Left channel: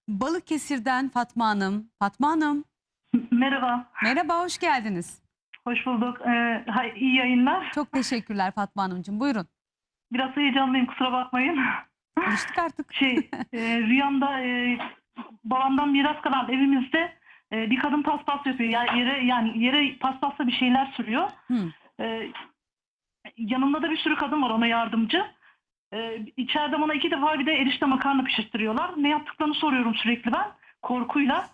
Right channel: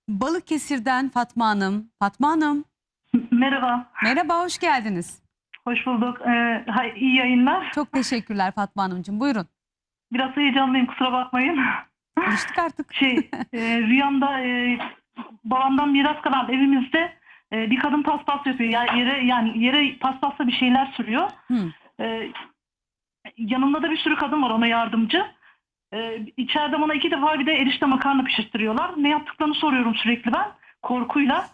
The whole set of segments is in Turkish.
Balıkesir'den Fatma Hanım. Fatma Hanım, Merhaba, merhaba, hoş geldiniz. hoş bulduk. İyi yayınlar. Çok teşekkürler Fatma Hanımcığım. Buyurun. Biraz heyecanlıyım, kusura bakmayın. Alıştık artık. Rüyamda babamdan miras kalan evimizde bir kadın paspas yapıyor. Yani yere paspasla bir şeyler sürüyor. Hı. Yanımda da bir sürü kadın var ona yardımcı. İçeride bana 2 defa bir de erişte makarna pişirttiriyorlar. Ne yaptıklarını soruyorum sürekli ben korkuyla.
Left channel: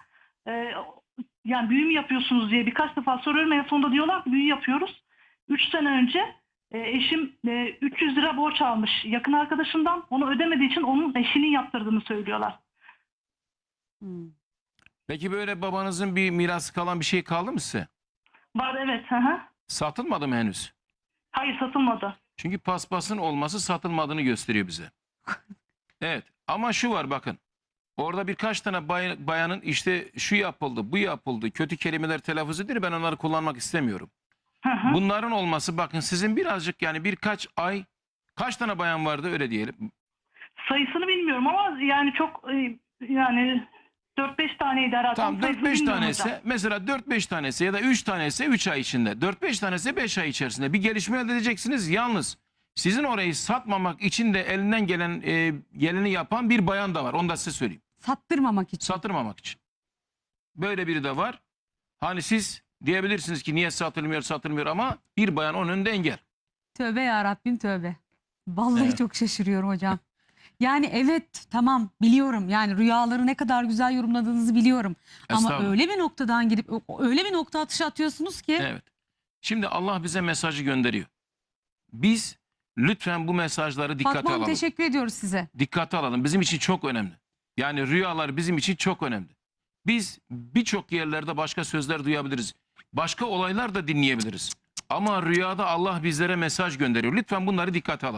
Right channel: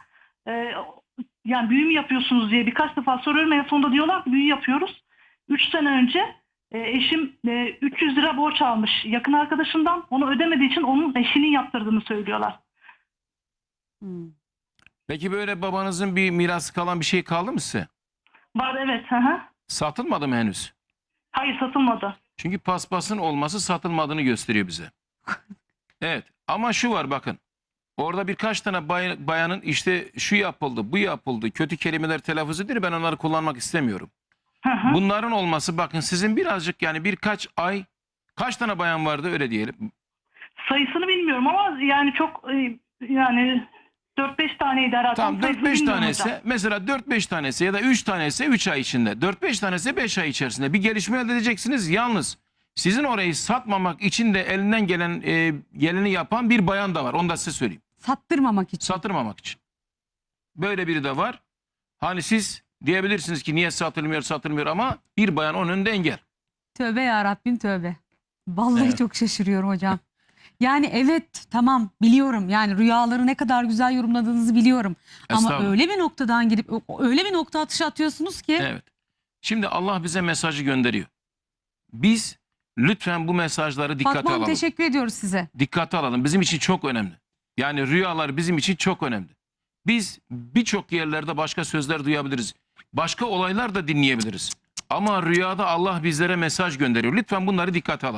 Yani büyü mü yapıyorsunuz diye birkaç defa soruyorum. En sonunda diyorlar ki büyü yapıyoruz. 3 sene önce eşim 300 lira borç almış yakın arkadaşından. Onu ödemediği için onun eşinin yaptırdığını söylüyorlar. Hı. Peki böyle babanızın bir mirası kalan bir şey kaldı mı size? Var, evet. Hı hı. Satılmadı mı henüz? Hayır, satılmadı. Çünkü paspasın olması satılmadığını gösteriyor bize. Evet, ama şu var bakın. Orada birkaç tane bayanın işte şu yapıldı, bu yapıldı, kötü kelimeler telaffuz ediyor. Ben onları kullanmak istemiyorum. Hı hı. Bunların olması bakın sizin birazcık yani birkaç ay kaç tane bayan vardı öyle diyelim. Sayısını bilmiyorum ama yani çok yani 4-5 taneydi herhalde. Tamam Sayısını 4-5 bilmiyorum tanesi hocam. mesela 4-5 tanesi ya da 3 tanesi 3 ay içinde. 4-5 tanesi 5 ay içerisinde bir gelişme elde edeceksiniz. Yalnız sizin orayı satmamak için de elinden gelen geleni yapan bir bayan da var. Onu da size söyleyeyim. Sattırmamak için. Satırmamak için. Böyle biri de var. Hani siz diyebilirsiniz ki niye satılmıyor ama bir bayan onun önünde engel. Tövbe ya Rabbim, tövbe. Vallahi Evet. çok şaşırıyorum hocam. Yani evet, tamam, biliyorum. Yani rüyaları ne kadar güzel yorumladığınızı biliyorum. Ama Estağfurullah. öyle bir noktadan girip öyle bir nokta atışı atıyorsunuz ki. Evet. Şimdi Allah bize mesajı gönderiyor. Biz lütfen bu mesajları dikkate Fatma Hanım, alalım. teşekkür ediyoruz size. Dikkate alalım. Bizim için çok önemli. Yani rüyalar bizim için çok önemli. Biz birçok yerlerde başka sözler duyabiliriz. Başka olaylar da dinleyebiliriz. Ama rüyada Allah bizlere mesaj gönderiyor. Lütfen bunları dikkate alalım.